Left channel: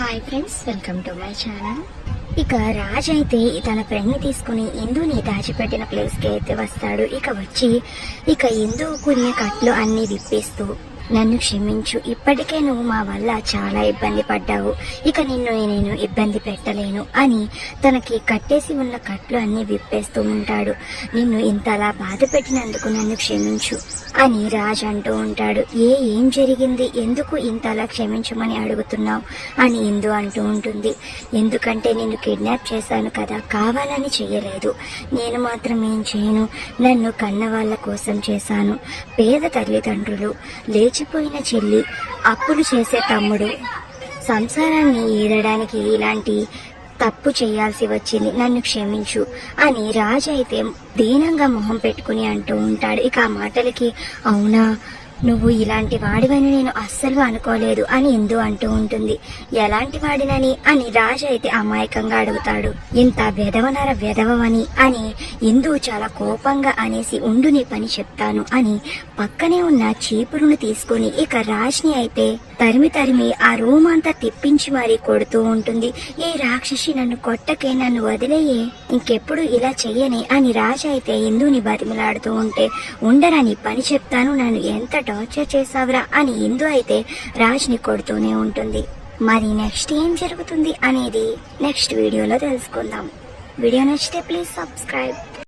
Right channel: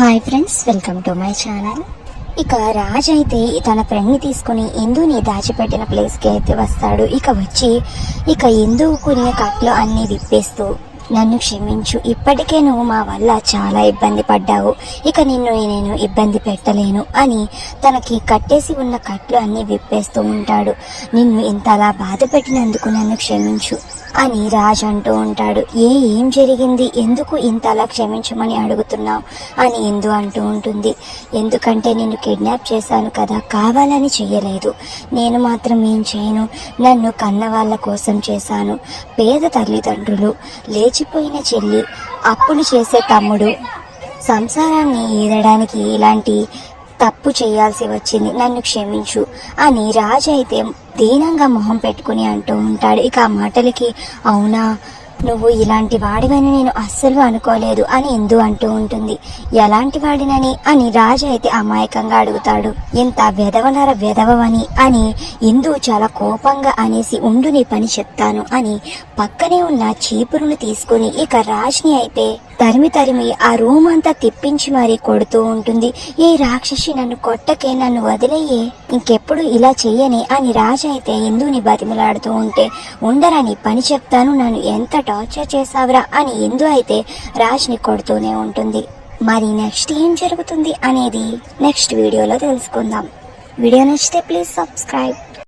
Hi friends, welcome to my channel. ఇక రాజ్ అయితే తన ఫ్రెండ్ని తీసుకుని ఇందుని దాచిపెట్టిన ప్లేస్కి అయితే వస్తాడు. ఇక వచ్చి ఇందు కొనే కట్లు అన్నీ విప్పేస్తూ, నన్ను క్షమించు, ఇప్పటికే నువ్వు మా వల్ల చాలా ఇబ్బంది పడ్డావు, ఇక నిన్ను నేను ఇబ్బంది పెట్టలేను అని తనకి కట్టేసి ఉన్న కట్లు అన్నీ విప్పేస్తూ ఉంటాడు. నిన్ను ఇంతలా బాధ పెట్టినందుకు నన్ను క్షమించు అని రాజ్ అంటూ ఉంటాడు. ఏం జరిగింది, ఎందుకు ఇంతలా క్షమించమని అడుగుతున్నావు అని ఇందు అంటూ ఉంటుంది. ఎందుకంటే నేను కిడ్నాప్ చేశాను కదా, కావాలని చెయ్యలేదు. నేను మాత్రం ఏం చేయను, నన్ను కన్న వాళ్ళ కోసం చేశాను. పేద తల్లిదండ్రులు, లేచిపోయిన చెల్లి, అప్పులు చేసే తమ్ముడు, సంసారాన్ని ఈదడానికి ఇలాంటి తప్పు చేయాల్సి వచ్చింది, నన్ను క్షమించు అని రాజు అయితే దీనంగా మొహం పెట్టుకుని అంటూ ఉంటాడు. ఇక ఆ మాటలకి అవునా, నువ్వు ఇలాంటి వాడివని నేను అస్సలు అనుకోలేదు అని ఇందు అంటూ ఉంటుంది. ఎలాంటి వాడినని అని రాజు అయితే అమాయకంగా అడుగుతాడు. ఇంత వెధవని అని ఇందు చాలా కోపంగా అనేసి ఉండు, నీ పని చెప్తాను అని పక్కనే ఉన్న చీపురును తీసుకుని ఇక రాజ్ని అయితే తరిమి ఆ రూమ్ అంతా తిప్పించి మరీ కొడుతూ ఉంటుంది. ఏ రాక్షసి, నన్ను కొట్టకే, నన్ను వదిలేయే, ఇంకెప్పుడు ఇలా చెయ్యని అని రాజు అయితే ఇందుని బతిమలాడుతూ ఉంటే, ఉండరని పని చెప్తాను, నన్ను ఎంత టార్చర్ చేసావురా అని ఇందు అయితే రాజ్ని కొడుతూనే ఉంటుంది. మరి నెక్స్ట్ ఏం జరుగుతుంది అనేది నెక్స్ట్ వీడియోలో తెలుసుకుందాం. వీడియో నచ్చితే ప్లీజ్ సబ్స్క్రైబ్.